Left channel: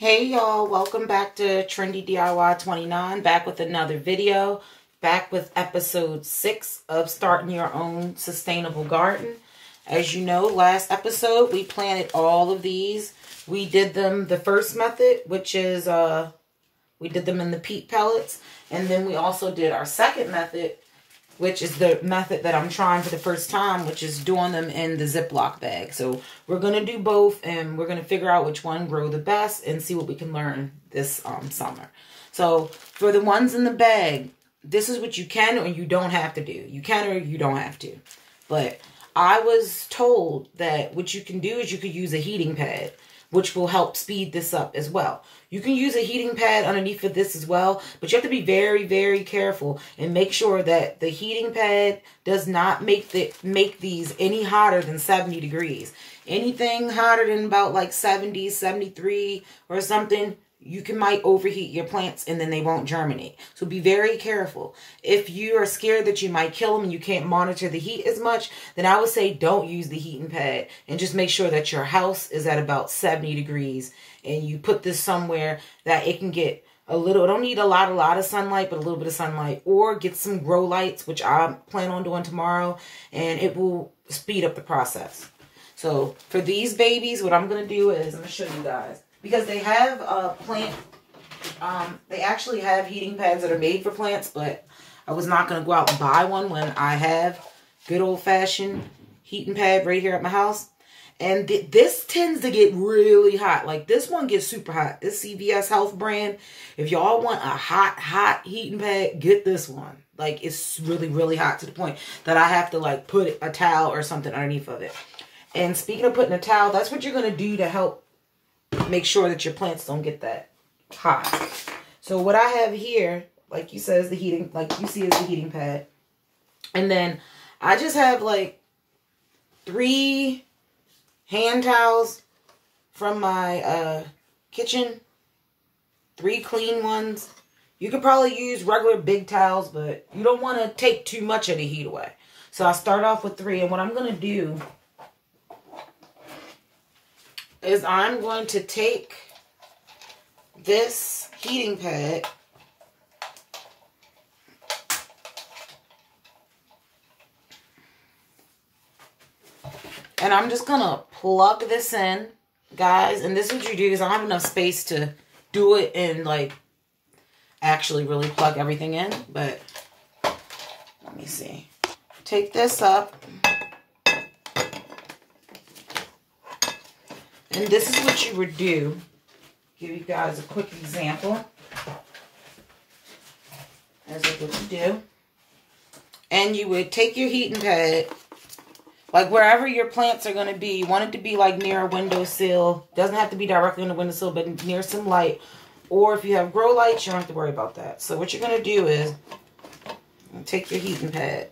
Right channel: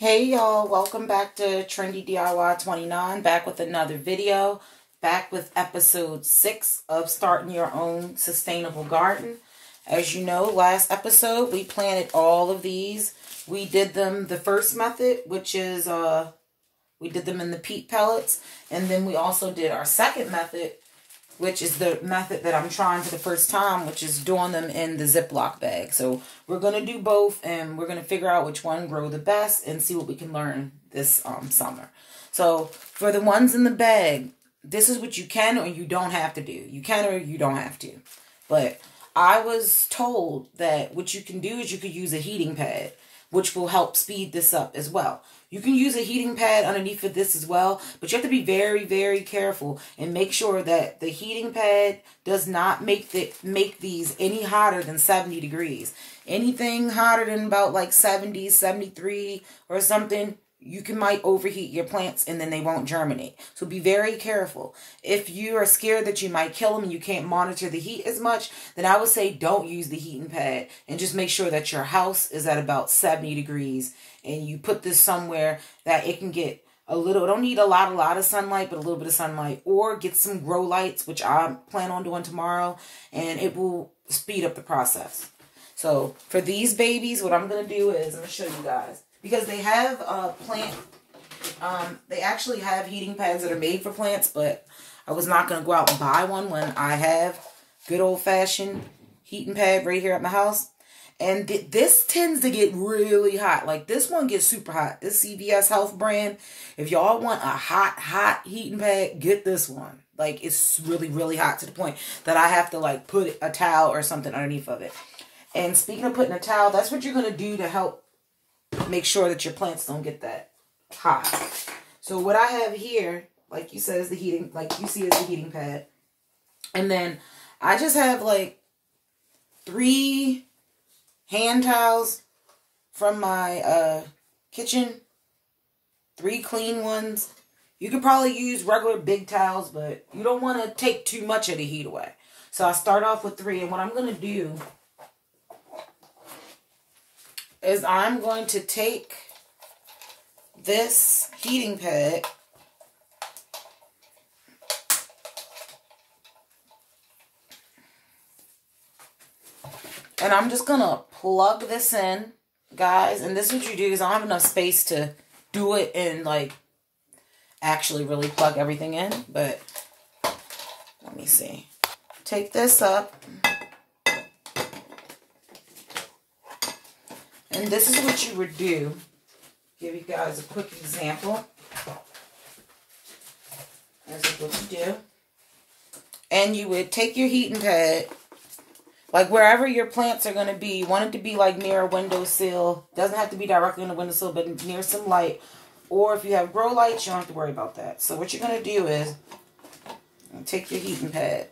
Hey y'all, welcome back to Trendy DIY 29, back with another video, back with episode 6 of starting your own sustainable garden. As you know, last episode we planted all of these. We did them the first method, which is we did them in the peat pellets, and then we also did our second method, which is the method that I'm trying for the first time, which is doing them in the Ziploc bag. So we're going to do both, and we're going to figure out which one grow the best and see what we can learn this summer. So for the ones in the bag, this is what you can or you don't have to do. You can or you don't have to. But I was told that what you can do is you could use a heating pad, which will help speed this up as well. You can use a heating pad underneath of this as well, but you have to be very, very careful and make sure that the heating pad does not make these any hotter than 70 degrees. Anything hotter than about like 70, 73 or something, you might overheat your plants and then they won't germinate. So be very careful. If you are scared that you might kill them and you can't monitor the heat as much, then I would say don't use the heating pad and just make sure that your house is at about 70 degrees. And you put this somewhere that it can get a little, it don't need a lot of sunlight, but a little bit of sunlight. Or get some grow lights, which I plan on doing tomorrow, and it will speed up the process. So for these babies, what I'm going to do is, I'm going to show you guys. Because they have they actually have heating pads that are made for plants, but I was not going to go out and buy one when I have good old-fashioned heating pad right here at my house. And this tends to get really hot. Like this one gets super hot. This CVS Health brand. If y'all want a hot heating pad, get this one. Like it's really, really hot to the point that I have to like put a towel or something underneath of it. And speaking of putting a towel, that's what you're going to do to help make sure that your plants don't get that hot. So what I have here, like you said, is the heating, like you see is the heating pad. And then I just have like 3 hand towels from my kitchen. 3 clean ones. You could probably use regular big towels, but you don't want to take too much of the heat away. So I start off with 3, and what I'm going to do is I'm going to take this heating pad and I'm just going to plug this in, guys. And this is what you do, because I don't have enough space to do it and like actually really plug everything in. But let me see. Take this up. And this is what you would do. Give you guys a quick example. This is what you do. And you would take your heating pad, like wherever your plants are going to be. You want it to be like near a windowsill. Doesn't have to be directly on the windowsill, but near some light. Or if you have grow lights, you don't have to worry about that. So what you're going to do is take your heating pad.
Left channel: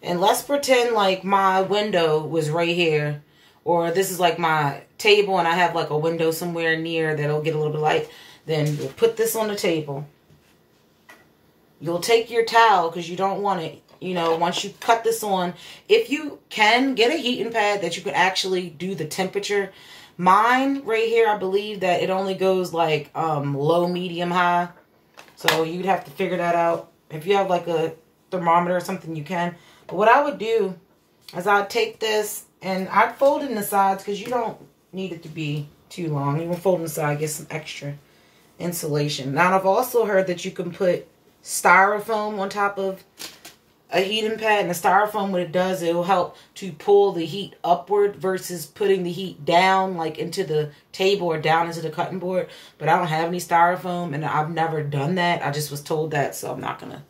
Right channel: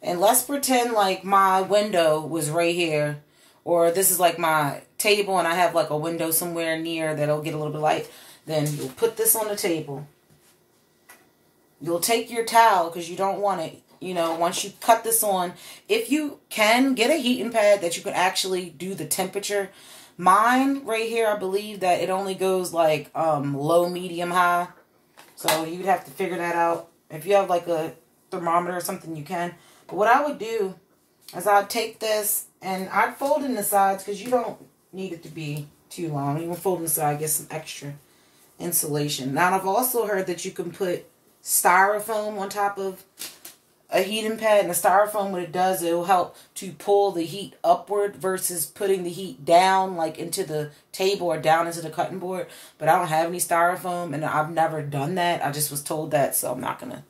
And let's pretend like my window was right here. Or this is like my table and I have like a window somewhere near that'll get a little bit of light. Then you'll put this on the table. You'll take your towel because you don't want it, you know, once you cut this on. If you can, get a heating pad that you can actually do the temperature. Mine right here, I believe that it only goes like low, medium, high. So you'd have to figure that out. If you have like a thermometer or something, you can. But what I would do is I'd take this and I'd fold it in the sides because you don't need it to be too long. You can fold it in the side, get some extra insulation. Now, I've also heard that you can put styrofoam on top of a heating pad. And the styrofoam, what it does, it will help to pull the heat upward versus putting the heat down, like into the table or down into the cutting board. But I don't have any styrofoam, and I've never done that. I just was told that, so I'm not going to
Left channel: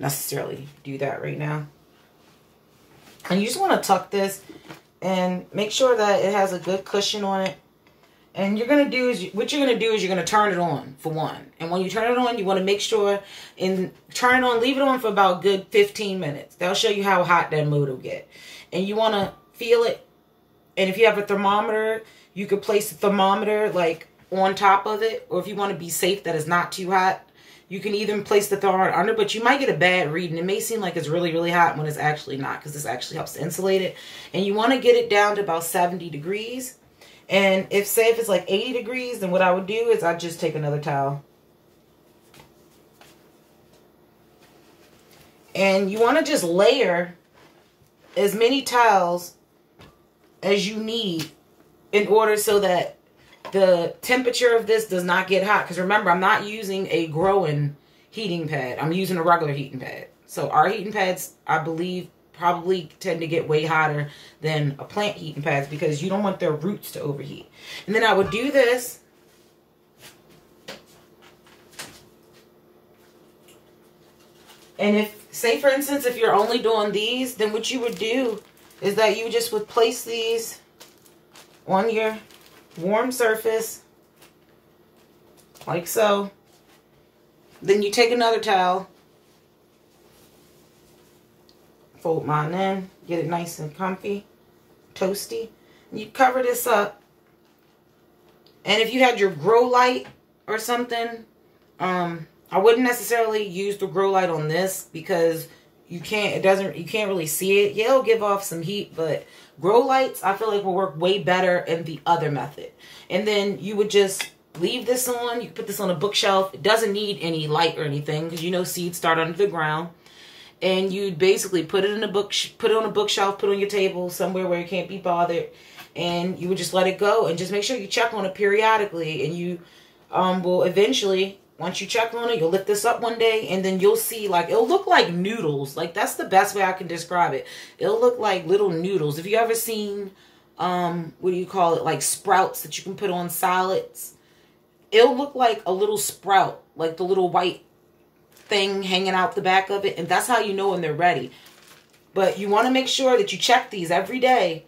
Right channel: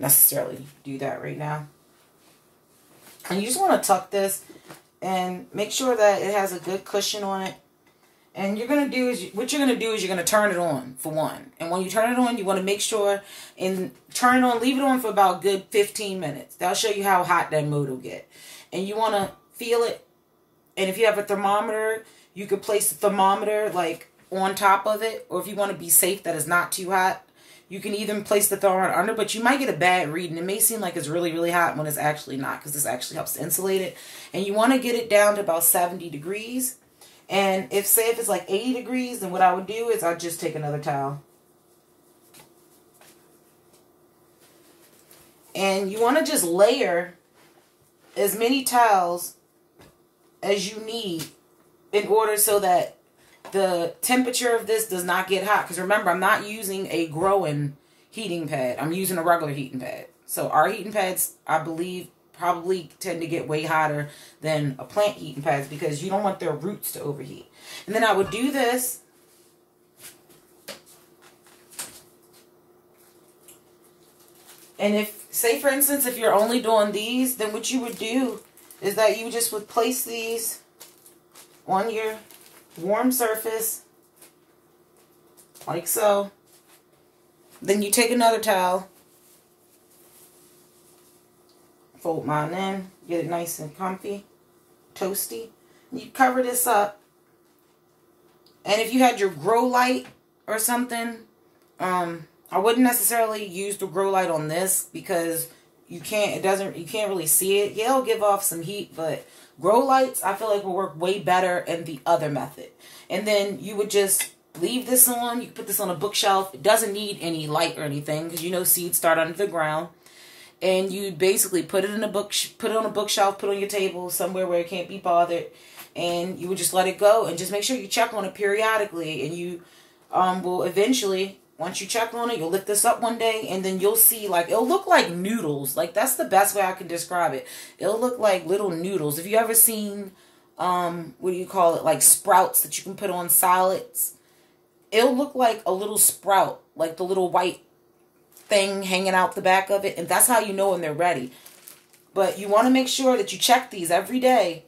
necessarily do that right now. And you just want to tuck this and make sure that it has a good cushion on it. And you're going to do is, what you're going to do is you're going to turn it on for one. And when you turn it on, you want to make sure and turn it on, leave it on for about a good 15 minutes. That'll show you how hot that motor will get. And you want to feel it. And if you have a thermometer, you could place the thermometer like on top of it. Or if you want to be safe that it's not too hot, you can even place the thermometer under, but you might get a bad reading. It may seem like it's really, really hot when it's actually not, because this actually helps to insulate it. And you want to get it down to about 70 degrees. And say if it's like 80 degrees, then what I would do is I'd just take another towel. And you want to just layer as many towels as you need in order so that the temperature of this does not get hot. Because remember, I'm not using a growing heating pad. I'm using a regular heating pad. So our heating pads, I believe, probably tend to get way hotter than a plant heating pads because you don't want their roots to overheat. And then I would do this. And if, say for instance, if you're only doing these, then what you would do is that you just would place these on your warm surface, like so. Then you take another towel, fold mine in, get it nice and comfy, toasty. And you cover this up. And if you had your grow light or something, I wouldn't necessarily use the grow light on this because you can't really see it. Yeah, it'll give off some heat, but grow lights, I feel like will work way better in the other method. And then you would just leave this on. You can put this on a bookshelf. It doesn't need any light or anything because you know seeds start under the ground. And you basically put it in a put it on a bookshelf, put it on your table somewhere where it can't be bothered, and you would just let it go and just make sure you check on it periodically. And you will eventually, once you check on it, you'll lift this up one day, and then you'll see, like, it'll look like noodles. Like, that's the best way I can describe it. It'll look like little noodles. Have you ever seen, what do you call it, like sprouts that you can put on salads? It'll look like a little sprout, like the little white thing hanging out the back of it, and that's how you know when they're ready. But you want to make sure that you check these every day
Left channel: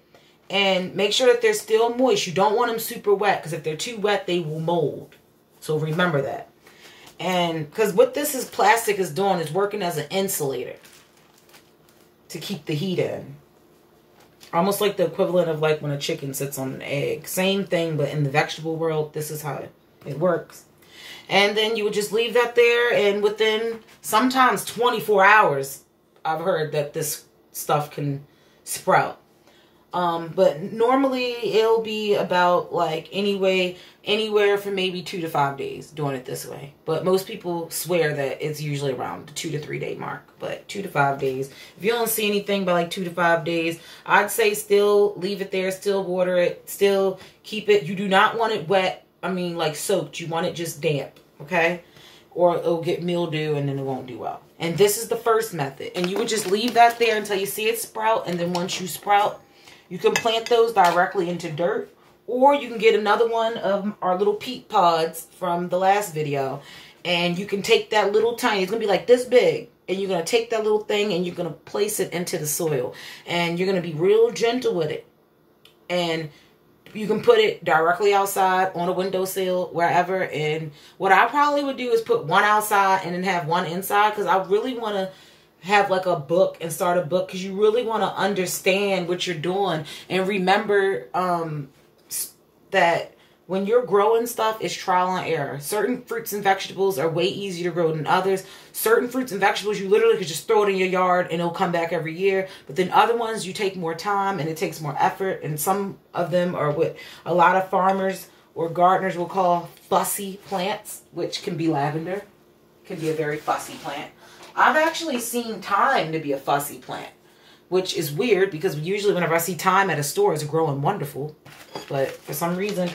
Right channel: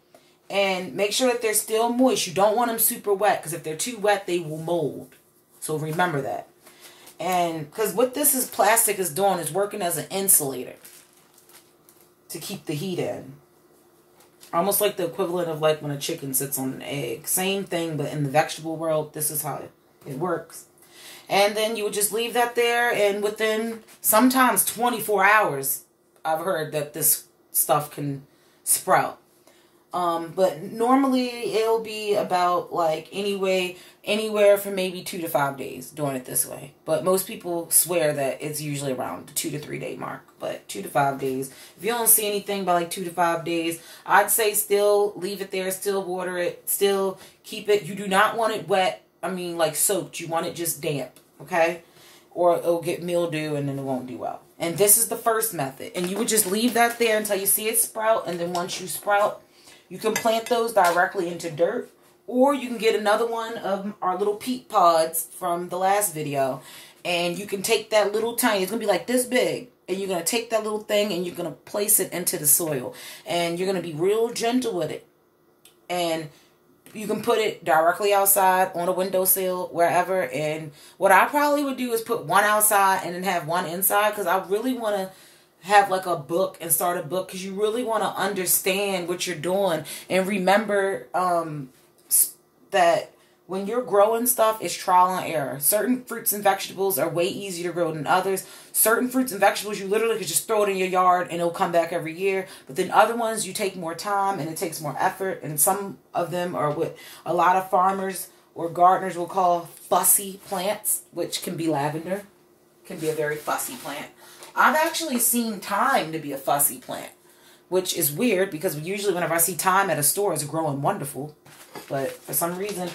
and make sure that they're still moist. You don't want them super wet, because if they're too wet, they will mold. So remember that. And because what this plastic is doing is working as an insulator to keep the heat in. Almost like the equivalent of like when a chicken sits on an egg. Same thing, but in the vegetable world, this is how it works. And then you would just leave that there, and within sometimes 24 hours, I've heard that this stuff can sprout. But normally it'll be about like anywhere from maybe 2 to 5 days doing it this way. But most people swear that it's usually around the 2 to 3 day mark. But 2 to 5 days. If you don't see anything by like 2 to 5 days, I'd say still leave it there, still water it, still keep it. You do not want it wet. I mean, like soaked. You want it just damp, okay? Or it'll get mildew and then it won't do well. And this is the first method. And you would just leave that there until you see it sprout. And then once you sprout, you can plant those directly into dirt. Or you can get another one of our little peat pods from the last video. And you can take that little tiny, it's going to be like this big. And you're going to take that little thing and you're going to place it into the soil. And you're going to be real gentle with it. And you can put it directly outside on a windowsill, wherever. And what I probably would do is put one outside and then have one inside. Because I really want to have like a book and start a book. Because you really want to understand what you're doing. And remember that when you're growing stuff, it's trial and error. Certain fruits and vegetables are way easier to grow than others. Certain fruits and vegetables, you literally could just throw it in your yard and it'll come back every year. But then other ones, you take more time and it takes more effort. And some of them are what a lot of farmers or gardeners will call fussy plants, which can be lavender. Can be a very fussy plant. I've actually seen thyme to be a fussy plant, which is weird because usually whenever I see thyme at a store, it's growing wonderful. But for some reason,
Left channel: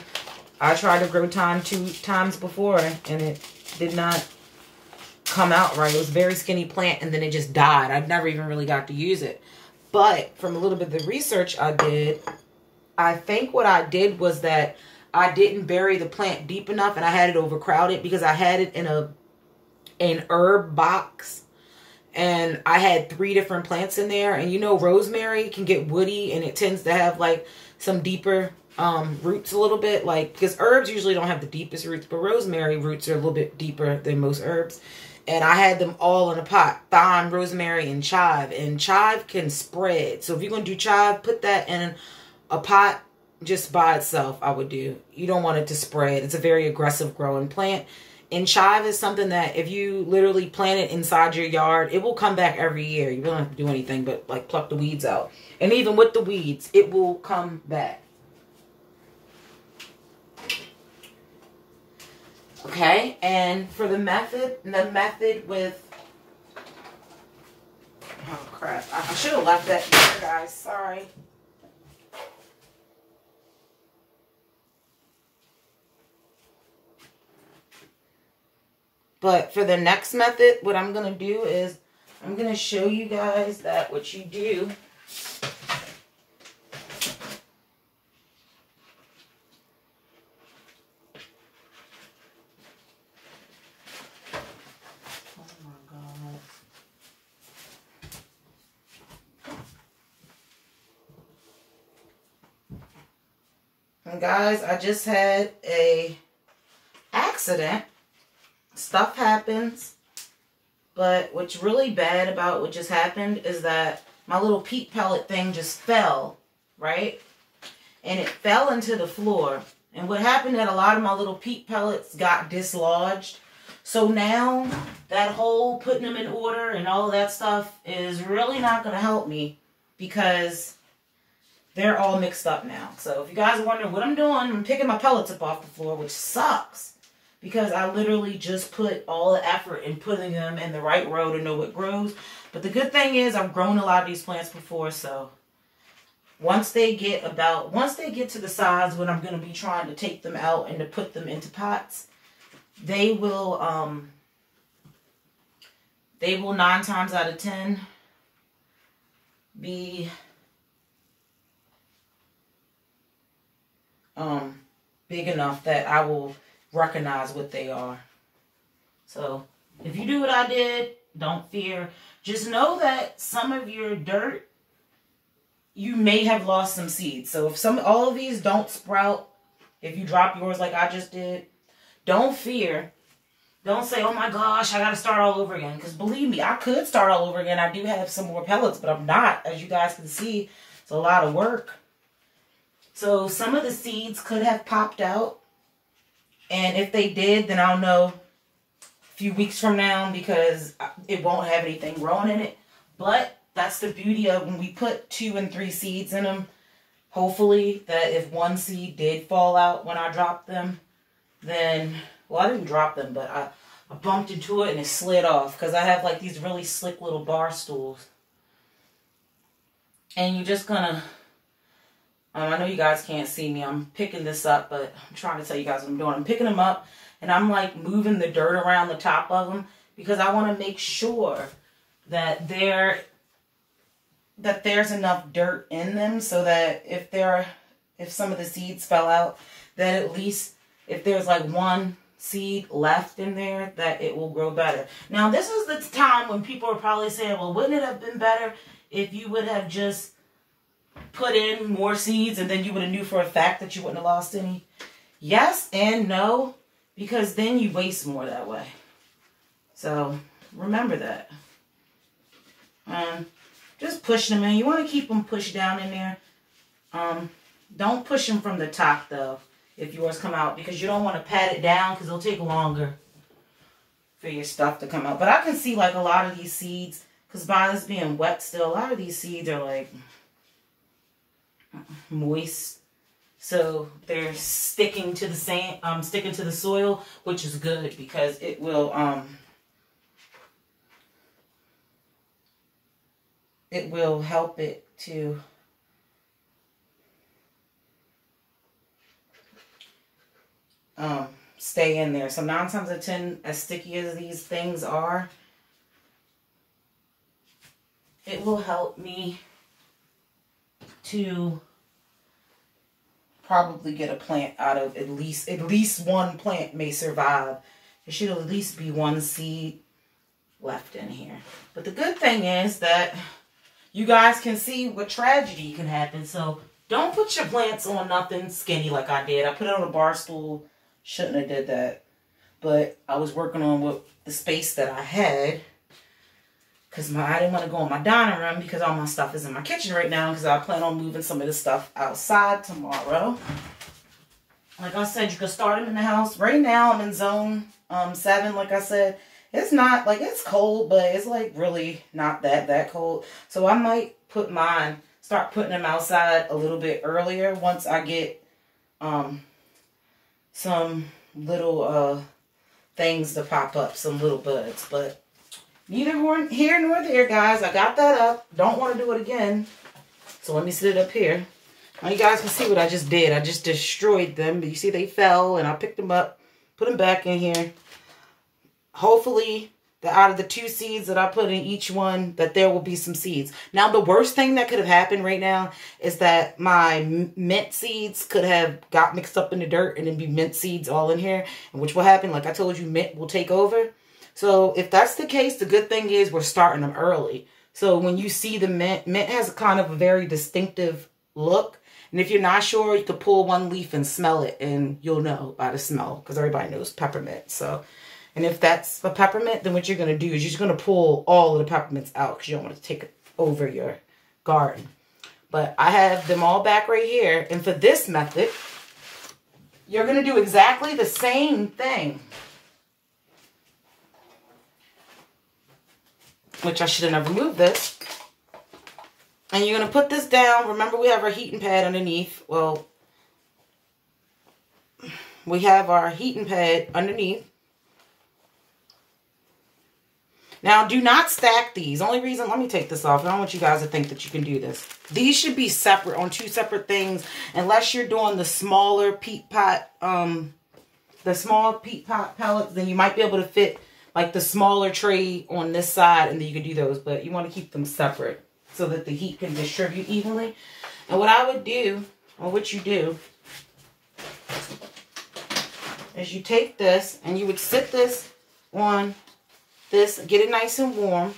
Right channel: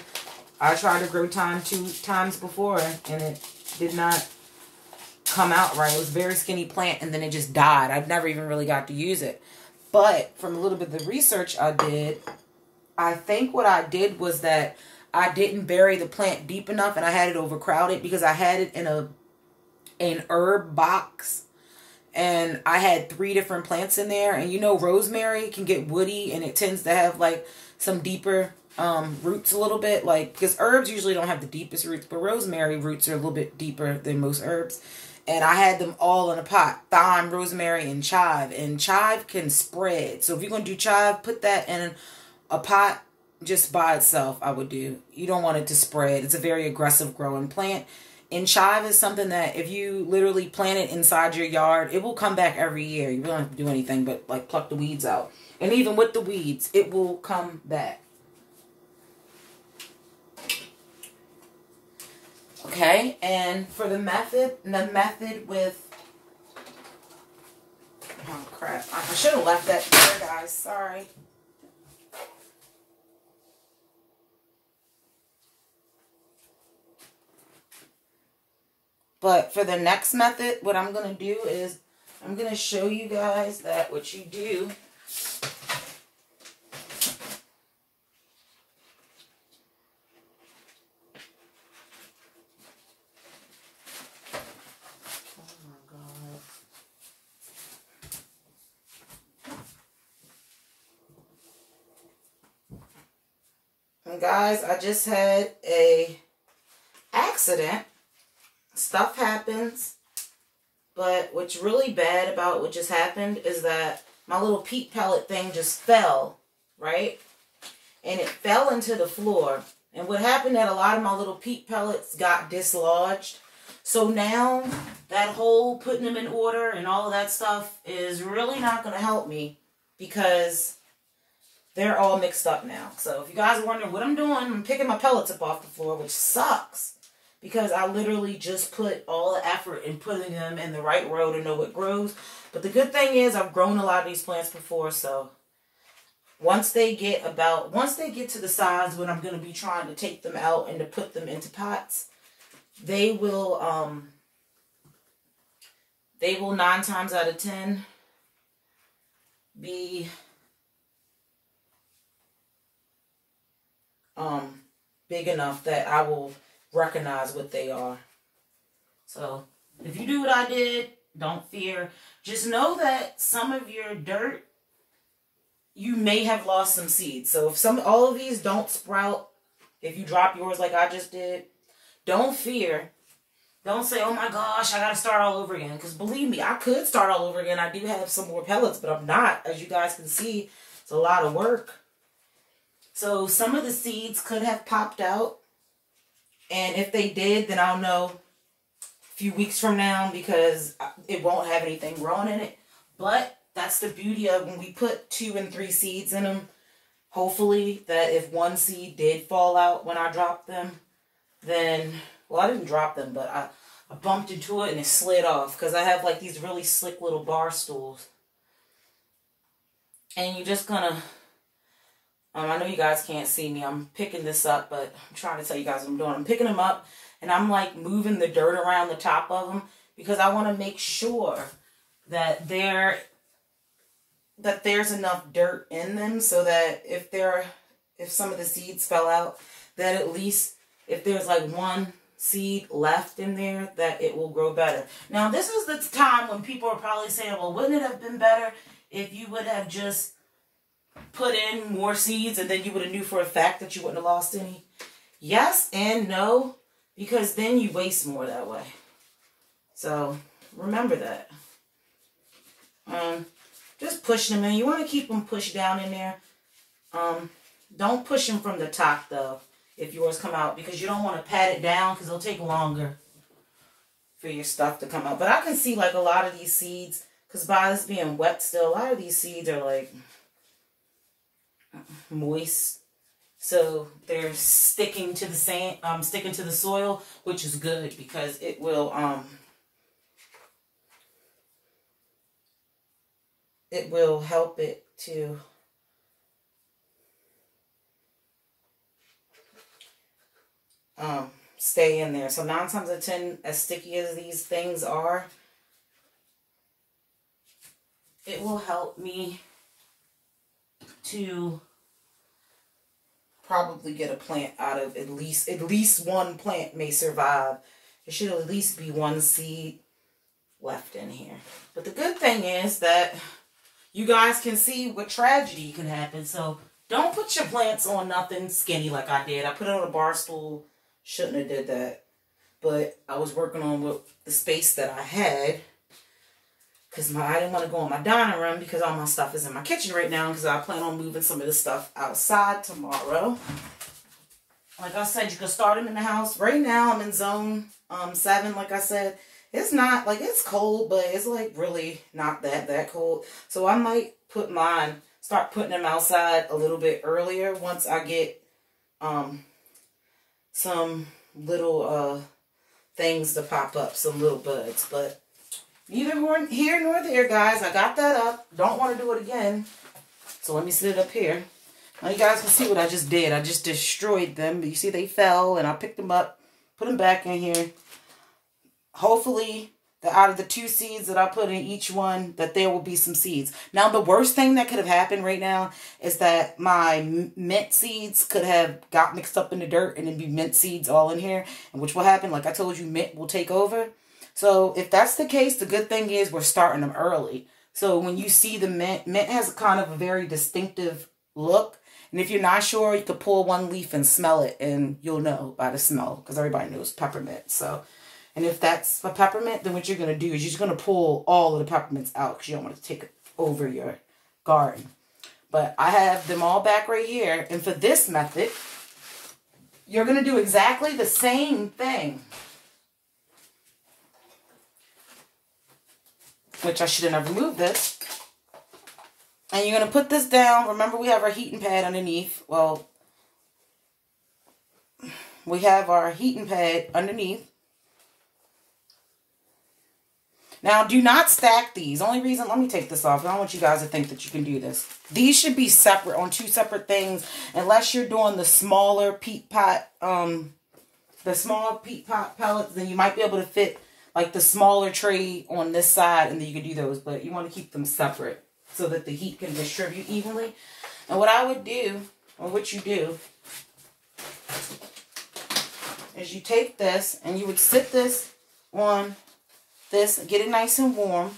I tried to grow thyme 2 times before, and it did not come out right. It was a very skinny plant, and then it just died. I've never even really got to use it. But from a little bit of the research I did, I think what I did was that I didn't bury the plant deep enough, and I had it overcrowded because I had it in an herb box. And I had 3 different plants in there. And you know, rosemary can get woody, and it tends to have like some deeper roots a little bit, like, because herbs usually don't have the deepest roots, but rosemary roots are a little bit deeper than most herbs. And I had them all in a pot: thyme, rosemary, and chive. And chive can spread, so if you're going to do chive, put that in a pot just by itself. I would do. You don't want it to spread. It's a very aggressive growing plant. And chive is something that if you literally plant it inside your yard, it will come back every year. You don't have to do anything but like pluck the weeds out. And even with the weeds, it will come back. Okay, and for the method with, oh crap, I should have left that there, guys, sorry. But for the next method, what I'm going to do is I'm going to show you guys that what you do. Oh my God. And guys, I just had a accident. Stuff happens, but what's really bad about what just happened is that my little peat pellet thing just fell, right? And it fell into the floor. And what happened that a lot of my little peat pellets got dislodged. So now that whole putting them in order and all of that stuff is really not going to help me because they're all mixed up now. So if you guys are wondering what I'm doing, I'm picking my pellets up off the floor, which sucks. Because I literally just put all the effort in putting them in the right row to know what grows. But the good thing is I've grown a lot of these plants before. So once they get to the size when I'm going to be trying to take them out and to put them into pots, they will 9 times out of 10 be big enough that I will recognize what they are. So if you do what I did, don't fear. Just know that some of your dirt, you may have lost some seeds. So if all of these don't sprout, if you drop yours like I just did, don't fear. Don't say, oh my gosh, I got to start all over again. Because believe me, I could start all over again. I do have some more pellets, but I'm not. As you guys can see, it's a lot of work. So some of the seeds could have popped out. And if they did, then I'll know a few weeks from now because it won't have anything growing in it. But that's the beauty of when we put 2 and 3 seeds in them. Hopefully that if one seed did fall out when I dropped them, then, well, I didn't drop them, but I bumped into it and it slid off because I have like these really slick little bar stools. And you're just gonna... I know you guys can't see me. I'm picking this up, but I'm trying to tell you guys what I'm doing. I'm picking them up, and I'm like moving the dirt around the top of them because I want to make sure that there's enough dirt in them so that if some of the seeds fell out, that at least if there's like one seed left in there, that it will grow better. Now, this is the time when people are probably saying, well, wouldn't it have been better if you would have just put in more seeds and then you would have knew for a fact that you wouldn't have lost any? Yes and no, because then you waste more that way. So remember that. Just pushing them in. You want to keep them pushed down in there. Don't push them from the top though if yours come out, because you don't want to pat it down because it'll take longer for your stuff to come out. But I can see like a lot of these seeds, because by this being wet still, a lot of these seeds are like moist, so they're sticking to the sand, sticking to the soil, which is good because it will help it to stay in there. So 9 times out of 10, as sticky as these things are, it will help me to probably get a plant out of at least one plant may survive. There should at least be one seed left in here. But the good thing is that you guys can see what tragedy can happen. So don't put your plants on nothing skinny like I did. I put it on a bar stool. Shouldn't have did that. But I was working on what the space that I had. Because I didn't want to go in my dining room because all my stuff is in my kitchen right now. Because I plan on moving some of this stuff outside tomorrow. Like I said, you can start them in the house. Right now I'm in zone 7, like I said. It's not, like, it's cold, but it's, like, really not that cold. So I might start putting them outside a little bit earlier once I get some little things to pop up, some little buds. But neither here nor there, guys. I got that up. Don't want to do it again. So let me sit it up here. Now you guys can see what I just did. I just destroyed them. You see they fell and I picked them up, put them back in here. Hopefully, out of the 2 seeds that I put in each one, that there will be some seeds. Now, the worst thing that could have happened right now is that my mint seeds could have got mixed up in the dirt and then be mint seeds all in here. And which will happen, like I told you, mint will take over. So if that's the case, the good thing is we're starting them early. So when you see the mint has kind of a very distinctive look. And if you're not sure, you could pull one leaf and smell it, and you'll know by the smell, because everybody knows peppermint. So, and if that's a peppermint, then what you're going to do is you're just going to pull all of the peppermints out, because you don't want to take over your garden. But I have them all back right here. And for this method, you're going to do exactly the same thing. Which I should have never moved this. And you're going to put this down. Remember, we have our heating pad underneath. Well, we have our heating pad underneath. Now, do not stack these. Only reason, let me take this off. I don't want you guys to think that you can do this. These should be separate, on 2 separate things, unless you're doing the smaller peat pot, pellets, then you might be able to fit like the smaller tray on this side, and then you can do those. But you want to keep them separate so that the heat can distribute evenly. And what I would do, or what you do, is you take this and you would sit this on this, get it nice and warm.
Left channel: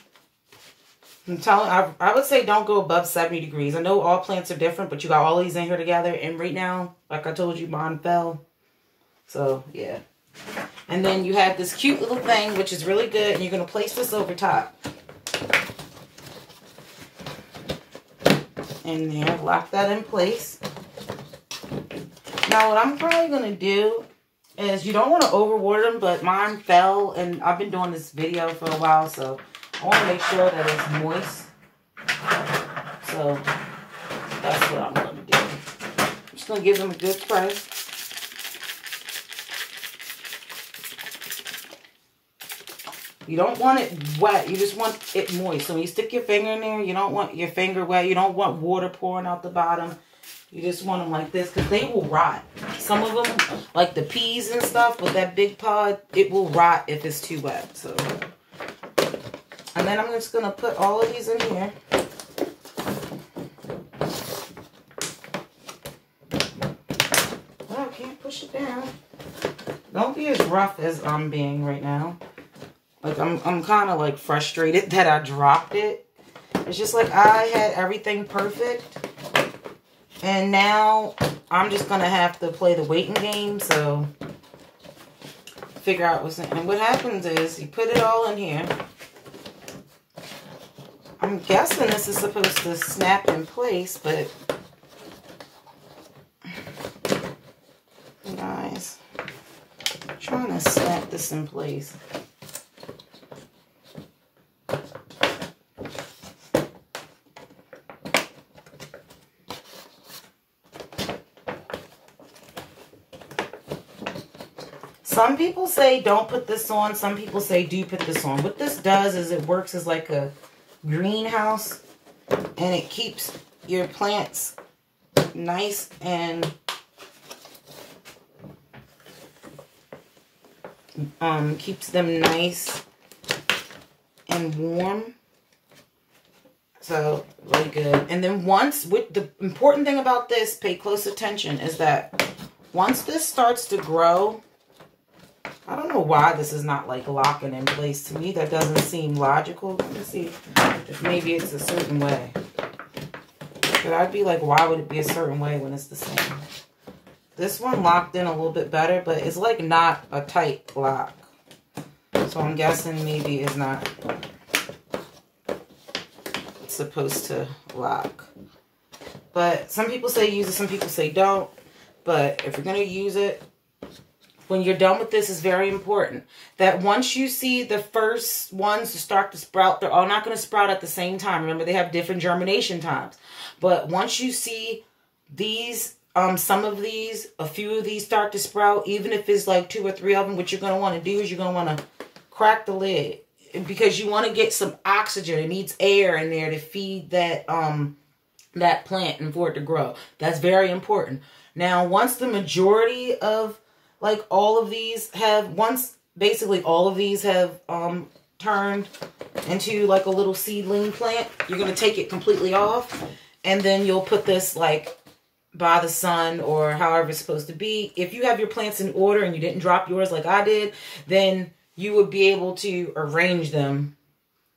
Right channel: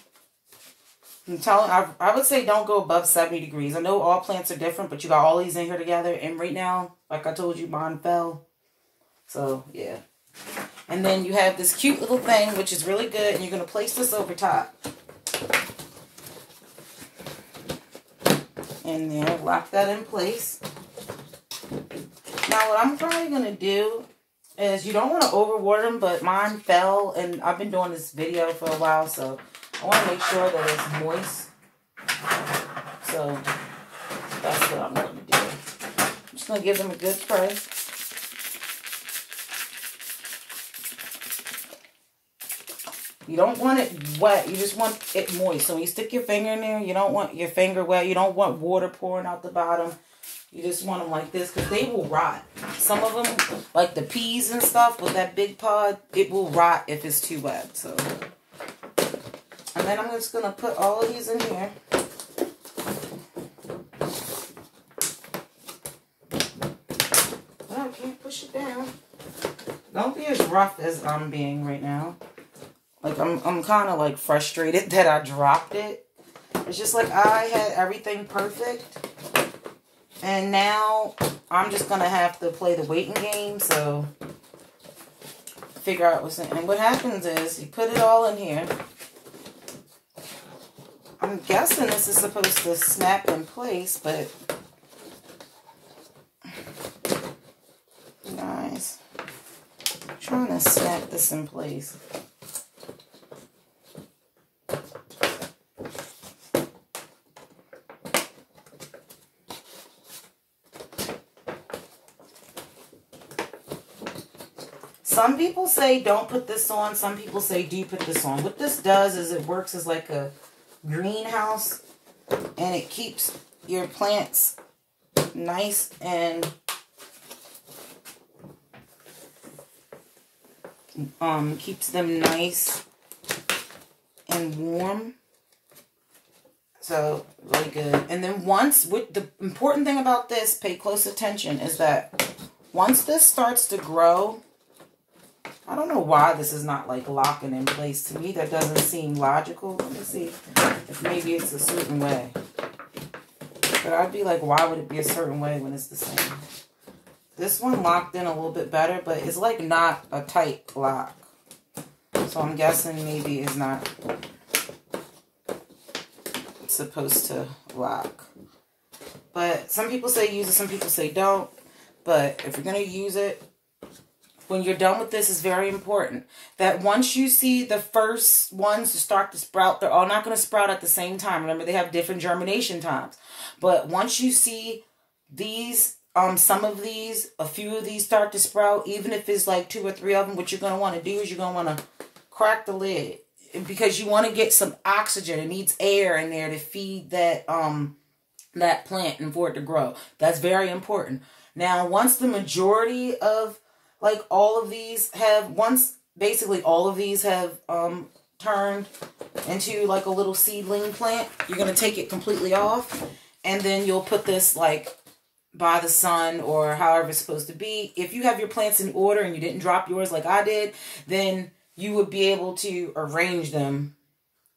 I would say don't go above 70 degrees. I know all plants are different, but you got all these in here together. And right now, like I told you, mine fell. So, yeah. And then you have this cute little thing, which is really good. And you're going to place this over top. And there, lock that in place. Now, what I'm probably going to do is, you don't want to overwater them, but mine fell, and I've been doing this video for a while, so I want to make sure that it's moist. So that's what I'm going to do. I'm just going to give them a good spray. You don't want it wet. You just want it moist. So when you stick your finger in there, you don't want your finger wet. You don't want water pouring out the bottom. You just want them like this, because they will rot. Some of them, like the peas and stuff, with that big pod, it will rot if it's too wet. So, and then I'm just going to put all of these in here. Oh, I can't push it down. Don't be as rough as I'm being right now. Like, I'm kind of, like, frustrated that I dropped it. It's just like I had everything perfect. And now I'm just going to have to play the waiting game. So, figure out what's in. And what happens is, you put it all in here. I'm guessing this is supposed to snap in place, but guys, I'm trying to snap this in place. Some people say don't put this on. Some people say do put this on. What this does is it works as like a greenhouse, and it keeps your plants nice and keeps them nice and warm. So really good. And then the important thing about this, pay close attention, is that once this starts to grow, I don't know why this is not like locking in place. To me, that doesn't seem logical. Let me see if maybe it's a certain way. But I'd be like, why would it be a certain way when it's the same? This one locked in a little bit better, but it's like not a tight lock. So I'm guessing maybe it's not supposed to lock. But some people say use it, some people say don't. But if you're going to use it, when you're done with this, is very important that once you see the first ones to start to sprout, they're all not going to sprout at the same time. Remember, they have different germination times. But once you see these some of these, a few of these start to sprout, even if it's like 2 or 3 of them, what you're going to want to do is you're going to want to crack the lid because you want to get some oxygen. It needs air in there to feed that, that plant and for it to grow. That's very important. Now, once the majority of like all of these have, basically all of these have turned into like a little seedling plant, you're going to take it completely off, and then you'll put this like by the sun or however it's supposed to be. If you have your plants in order and you didn't drop yours like I did, then you would be able to arrange them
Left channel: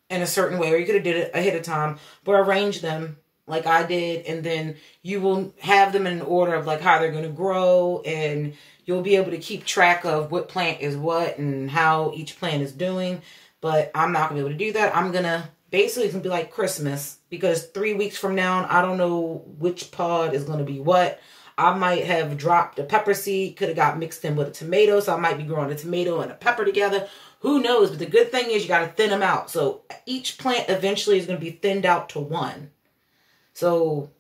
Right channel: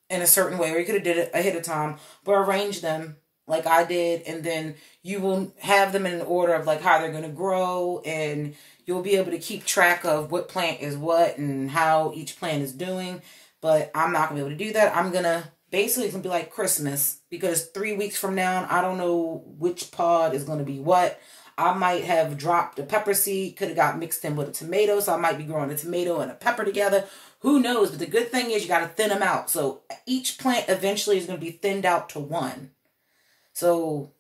in a certain way, or you could have did it ahead of time, but arrange them like I did, and then you will have them in an order of like how they're going to grow, and you'll be able to keep track of what plant is what and how each plant is doing. But I'm not going to be able to do that. I'm going to basically, it's going to be like Christmas, because 3 weeks from now, I don't know which pod is going to be what. I might have dropped a pepper seed, could have got mixed in with a tomato, so I might be growing a tomato and a pepper together. Who knows? But the good thing is you got to thin them out. So each plant eventually is going to be thinned out to one. So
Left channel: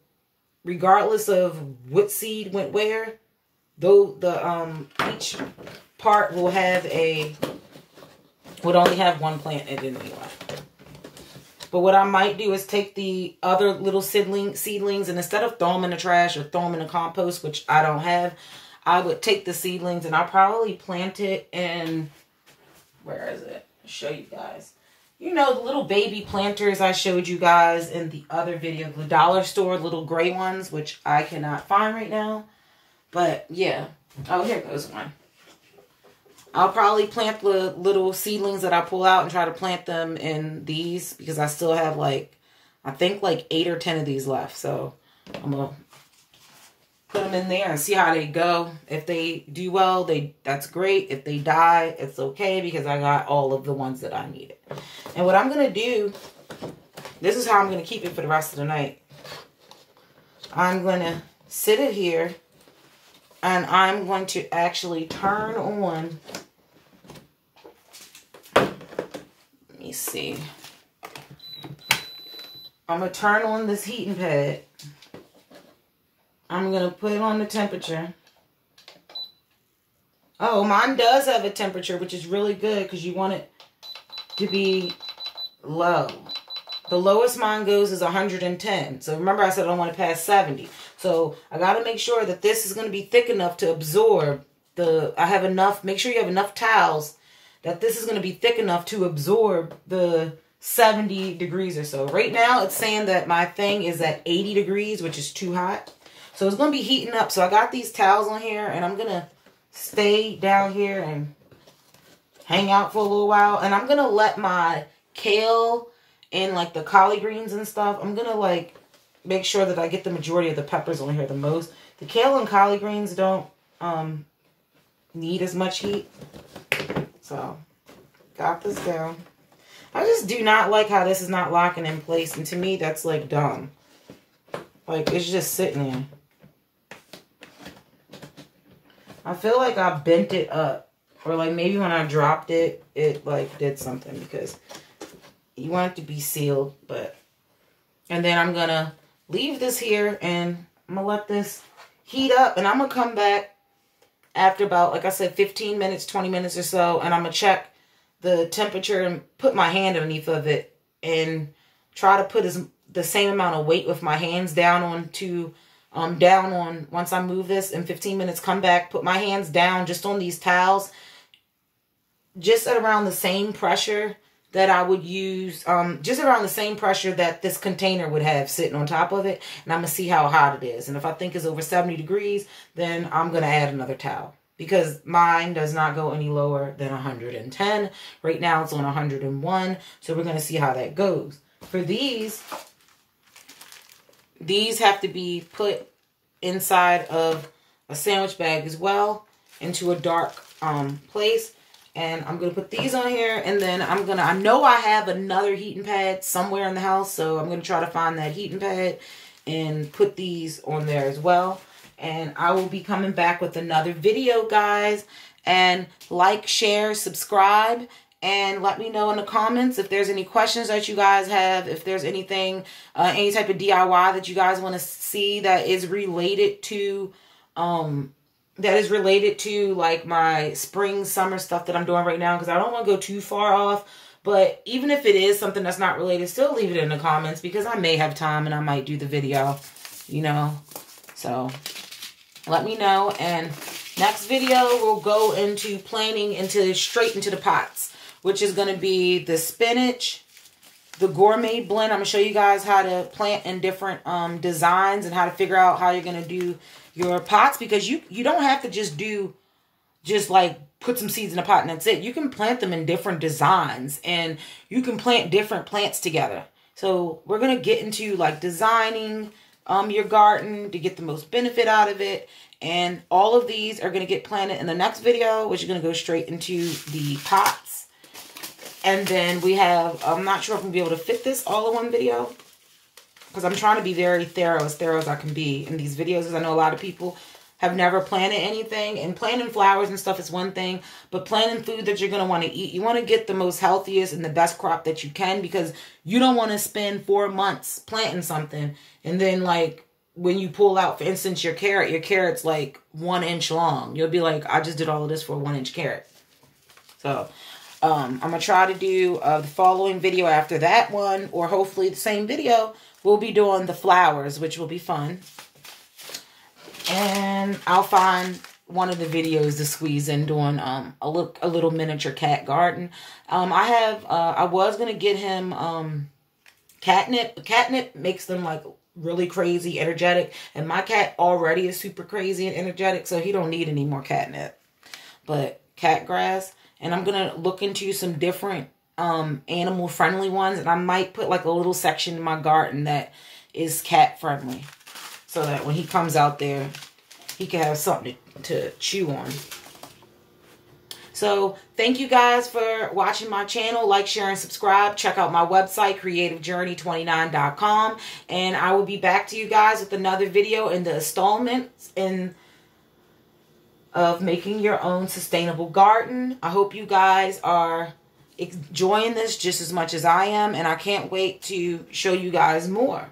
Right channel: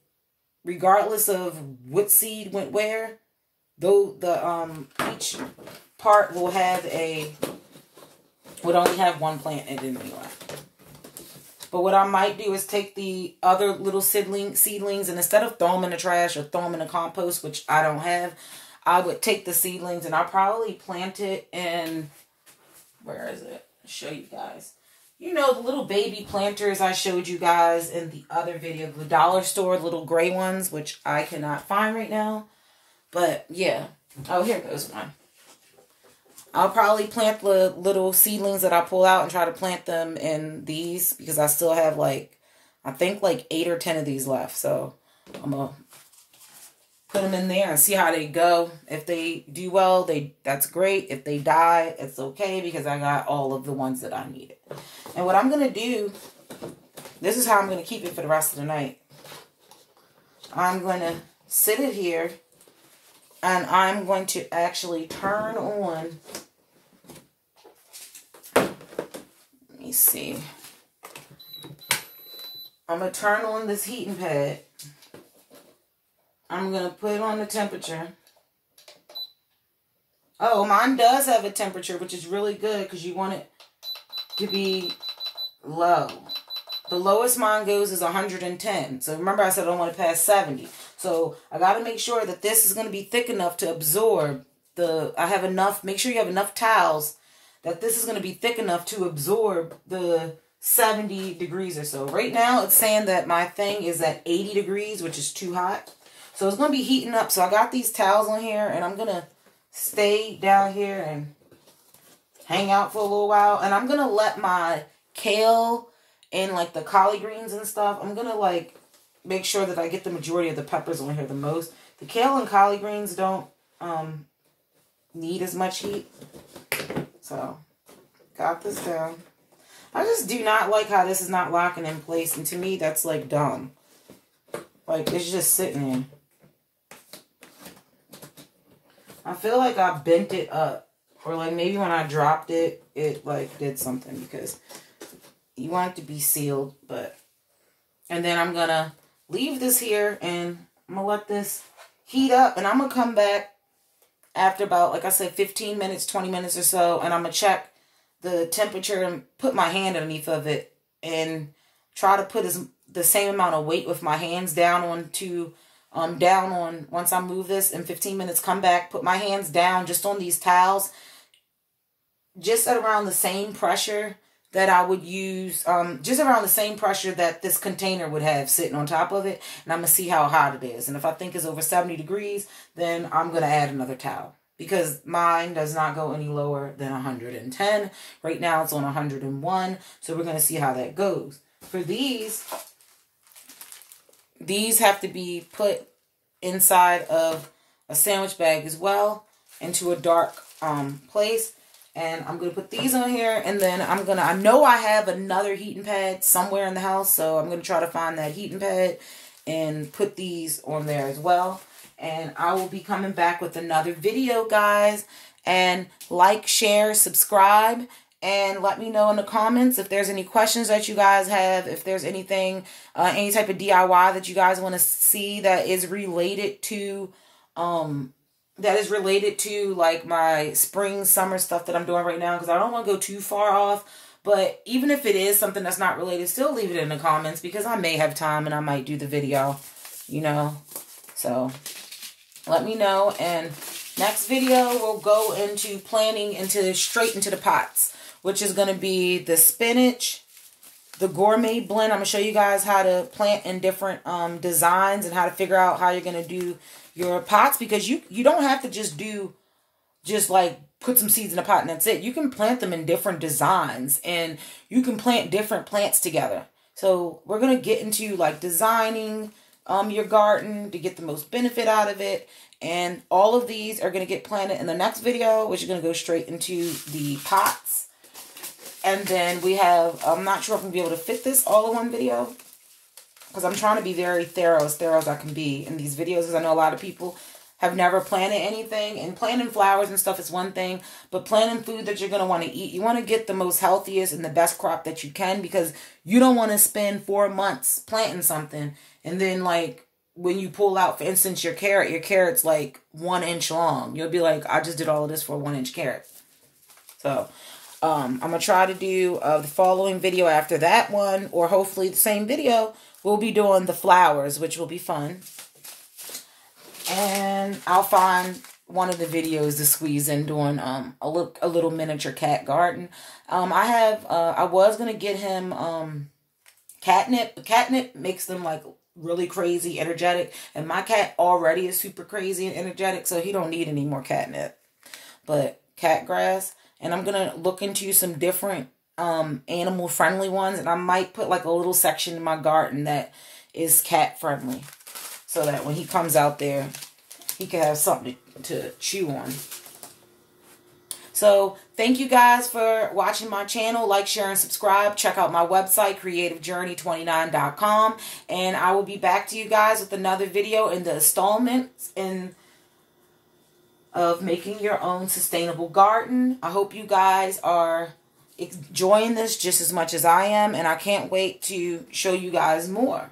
regardless of what seed went where, though each part will have would only have one plant in it anyway. But what I might do is take the other little seedlings, and instead of throw them in the trash or throw them in the compost, which I don't have, I would take the seedlings and I'll probably plant it in, where is it? I'll show you guys. You know, the little baby planters I showed you guys in the other video, the dollar store little gray ones, which I cannot find right now. But yeah. Oh, here goes one. I'll probably plant the little seedlings that I pull out and try to plant them in these, because I still have like, I think like 8 or 10 of these left. So I'm going to put them in there and see how they go. If they do well, that's great. If they die, it's okay, because I got all of the ones that I needed. And what I'm going to do, this is how I'm going to keep it for the rest of the night. I'm going to sit it here, and I'm going to actually turn on, let me see. I'm going to turn on this heating pad. I'm going to put it on the temperature. Oh, mine does have a temperature, which is really good because you want it to be low. The lowest mine goes is 110. So remember I said I don't want to pass 70. So I got to make sure that this is going to be thick enough to absorb make sure you have enough towels that this is going to be thick enough to absorb the 70 degrees or so. Right now it's saying that my thing is at 80 degrees, which is too hot. So it's going to be heating up. So I got these towels on here, and I'm going to stay down here and hang out for a little while. And I'm going to let my kale and like the collard greens and stuff, I'm going to like make sure that I get the majority of the peppers on here the most. The kale and collard greens don't need as much heat. So got this down. I just do not like how this is not locking in place. And to me, that's like dumb. Like, it's just sitting there. I feel like I bent it up. Or like maybe when I dropped it, it like did something, because you want it to be sealed. And then I'm going to leave this here, and I'm going to let this heat up. And I'm going to come back after about, like I said, 15 minutes, 20 minutes or so. And I'm going to check the temperature and put my hand underneath of it and try to put the same amount of weight with my hands down on once I move this in 15 minutes, come back, put my hands down just on these towels, just at around the same pressure that I would use, just around the same pressure that this container would have sitting on top of it. And I'm going to see how hot it is. And if I think it's over 70 degrees, then I'm going to add another towel, because mine does not go any lower than 110. Right now it's on 101. So we're going to see how that goes. For these have to be put inside of a sandwich bag as well, into a dark place. And I'm going to put these on here, and then I know I have another heating pad somewhere in the house, so I'm going to try to find that heating pad and put these on there as well. And I will be coming back with another video, guys. And like, share, subscribe, and let me know in the comments if there's any questions that you guys have, if there's anything, any type of DIY that you guys want to see that is related to that is related to like my spring, summer stuff that I'm doing right now, because I don't want to go too far off. But even if it is something that's not related, still leave it in the comments, because I may have time and I might do the video, you know. So let me know. And next video, we'll go into planting straight into the pots, which is going to be the spinach, the gourmet blend. I'm going to show you guys how to plant in different designs and how to figure out how you're going to do your pots, because you don't have to just like put some seeds in a pot and that's it. You can plant them in different designs, and you can plant different plants together. So we're going to get into like designing your garden to get the most benefit out of it. And all of these are going to get planted in the next video, which is going to go straight into the pots. And then we have, I'm not sure if I'm going to be able to fit this all in one video, because I'm trying to be very thorough as I can be in these videos, because I know a lot of people have never planted anything. And planting flowers and stuff is one thing, but planting food that you're going to want to eat, you want to get the most healthiest and the best crop that you can, because you don't want to spend 4 months planting something, and then like when you pull out, for instance, your carrot's like 1 inch long. You'll be like, I just did all of this for a 1 inch carrot. So I'm going to try to do the following video after that one, or hopefully the same video. We'll be doing the flowers, which will be fun. And I'll find one of the videos to squeeze in doing a little miniature cat garden. I was going to get him catnip. But catnip makes them like really crazy, energetic. And my cat already is super crazy and energetic, so he don't need any more catnip. But cat grass. And I'm going to look into some different animal friendly ones. And I might put like a little section in my garden that is cat friendly, so that when he comes out there, he can have something to chew on. So thank you guys for watching my channel. Like, share, and subscribe. Check out my website, creativejourney29.com. And I will be back to you guys with another video in the installments of making your own sustainable garden. I hope you guys are enjoying this just as much as I am. And I can't wait to show you guys more.